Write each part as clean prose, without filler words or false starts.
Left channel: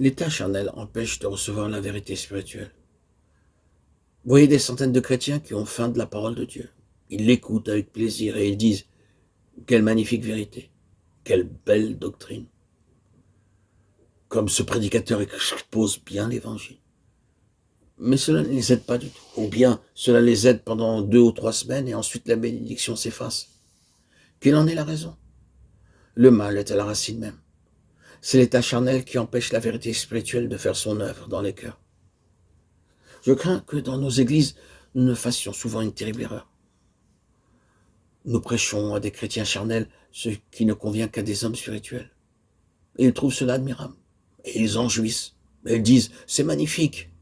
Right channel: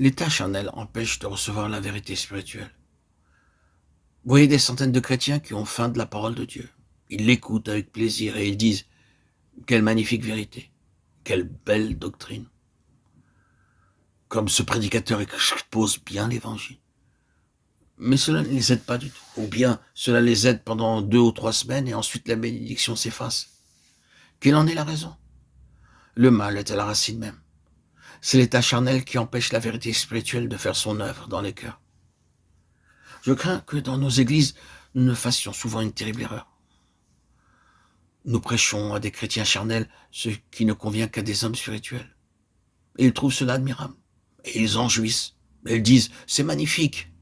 L'état charnel empêche de recevoir la vérité spirituelle. Vous voyez des centaines de chrétiens qui ont faim de la parole de Dieu. Ils l'écoutent avec plaisir et ils disent « Quelle magnifique vérité, quelle belle doctrine !» Comme ce prédicateur expose bien l'évangile. Mais cela ne les aide pas du tout. Ou bien cela les aide pendant 2 ou 3 semaines et ensuite la bénédiction s'efface. Quelle en est la raison? Le mal est à la racine même. C'est l'état charnel qui empêche la vérité spirituelle de faire son œuvre dans les cœurs. Je crains que dans nos églises, nous ne fassions souvent une terrible erreur. Nous prêchons à des chrétiens charnels ce qui ne convient qu'à des hommes spirituels. Et ils trouvent cela admirable. Et ils en jouissent. Et ils disent « c'est magnifique ».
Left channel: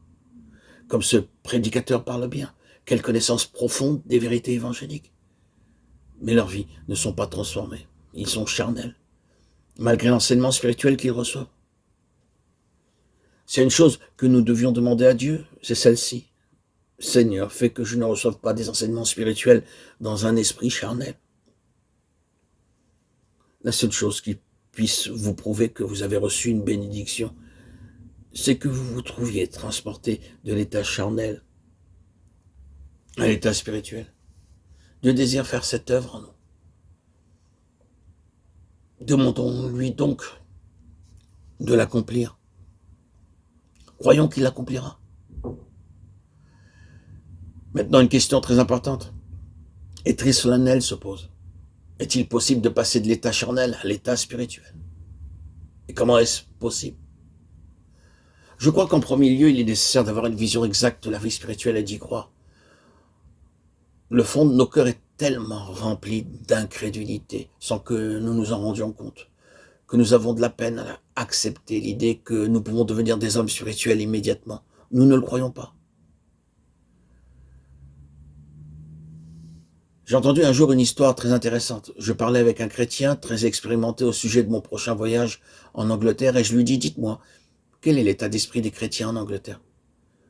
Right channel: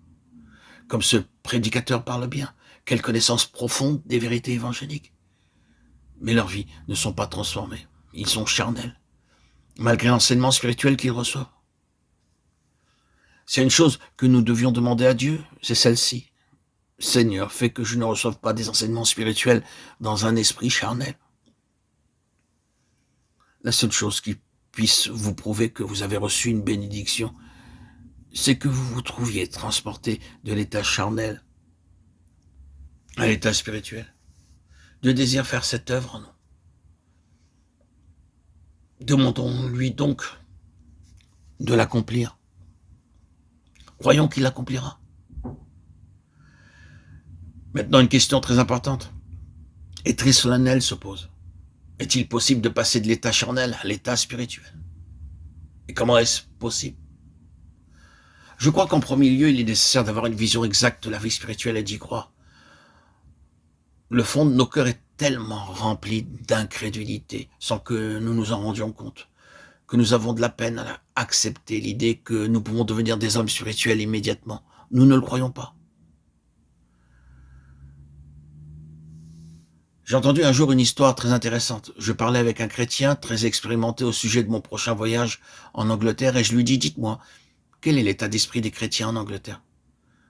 Comme ce prédicateur parle bien. Quelle connaissance profonde des vérités évangéliques. Mais leurs vies ne sont pas transformées. Ils sont charnels, malgré l'enseignement spirituel qu'ils reçoivent. C'est une chose que nous devions demander à Dieu, c'est celle-ci. Seigneur, fais que je ne reçoive pas des enseignements spirituels dans un esprit charnel. La seule chose qui puisse vous prouver que vous avez reçu une bénédiction, c'est que vous vous trouviez transporté de l'état charnel à l'état spirituel. Dieu désire faire cette œuvre en nous. Demandons-lui donc de l'accomplir. Croyons qu'il l'accomplira. Maintenant, une question très importante et très solennelle se pose. Est-il possible de passer de l'état charnel à l'état spirituel? Et comment est-ce possible? Je crois qu'en premier lieu, il est nécessaire d'avoir une vision exacte de la vie spirituelle et d'y croire. Le fond de nos cœurs est tellement rempli d'incrédulité, sans que nous nous en rendions compte, que nous avons de la peine à accepter l'idée que nous pouvons devenir des hommes spirituels immédiatement. Nous ne le croyons pas. J'ai entendu un jour une histoire très intéressante. Je parlais avec un chrétien très expérimenté au sujet de mon prochain voyage en Angleterre et je lui dis « Dites-moi, quel est l'état d'esprit des chrétiens en Angleterre?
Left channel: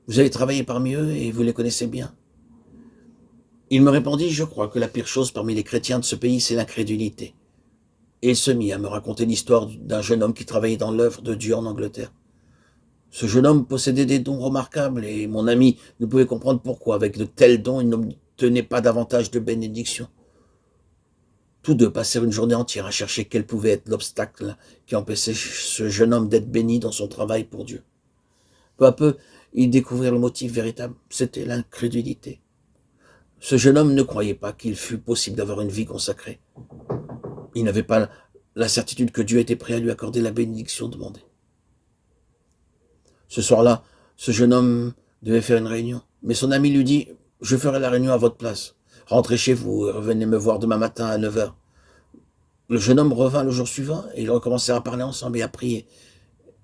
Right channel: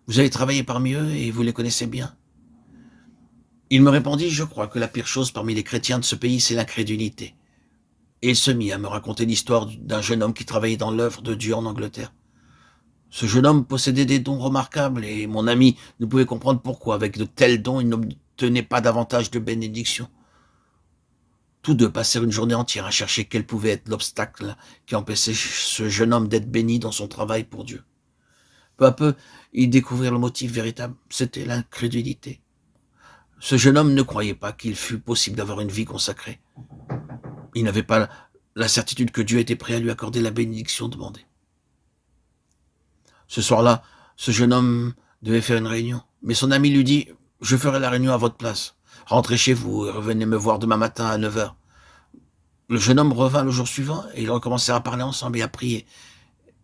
Vous avez travaillé parmi eux et vous les connaissez bien ?» Il me répondit « Je crois que la pire chose parmi les chrétiens de ce pays, c'est l'incrédulité. » Et il se mit à me raconter l'histoire d'un jeune homme qui travaillait dans l'œuvre de Dieu en Angleterre. Ce jeune homme possédait des dons remarquables et mon ami ne pouvait comprendre pourquoi, avec de tels dons, il n'obtenait pas davantage de bénédictions. Tous deux passèrent une journée entière à chercher quel pouvait être l'obstacle qui empêchait ce jeune homme d'être béni dans son travail pour Dieu. Peu à peu, ils découvrirent le motif véritable, c'était l'incrédulité. Ce jeune homme ne croyait pas qu'il fût possible d'avoir une vie consacrée. Il n'avait pas la certitude que Dieu était prêt à lui accorder la bénédiction demandée. Ce soir-là, ce jeune homme devait faire une réunion, mais son ami lui dit « Je ferai la réunion à votre place. Rentrez chez vous et revenez me voir demain matin à 9 heures. » Le jeune homme revint le jour suivant et ils recommencèrent à parler ensemble et à prier.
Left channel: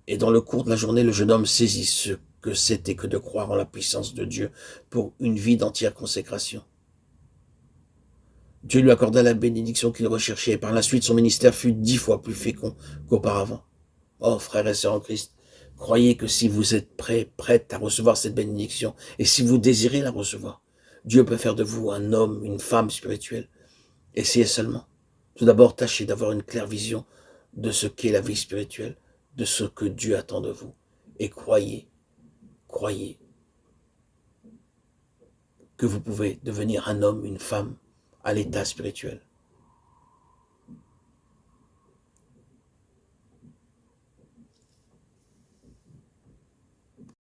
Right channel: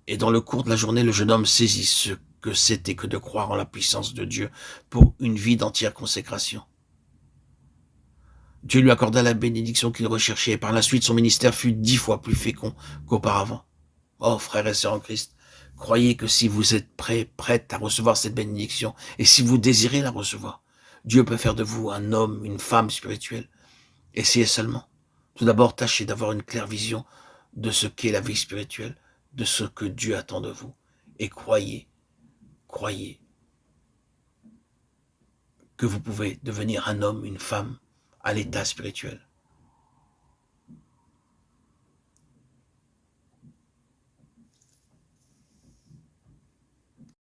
Et dans le cours de la journée, le jeune homme saisit ce que c'était que de croire en la puissance de Dieu pour une vie d'entière consécration. Dieu lui accorda la bénédiction qu'il recherchait et par la suite son ministère fut 10 fois plus fécond qu'auparavant. Oh, frères et sœurs en Christ, croyez que si vous êtes prêtes à recevoir cette bénédiction et si vous désirez la recevoir, Dieu peut faire de vous un homme, une femme spirituelle. Essayez seulement. Tout d'abord, tâchez d'avoir une claire vision de ce qu'est la vie spirituelle, de ce que Dieu attend de vous. Et croyez que vous pouvez devenir un homme, une femme à l'état spirituel.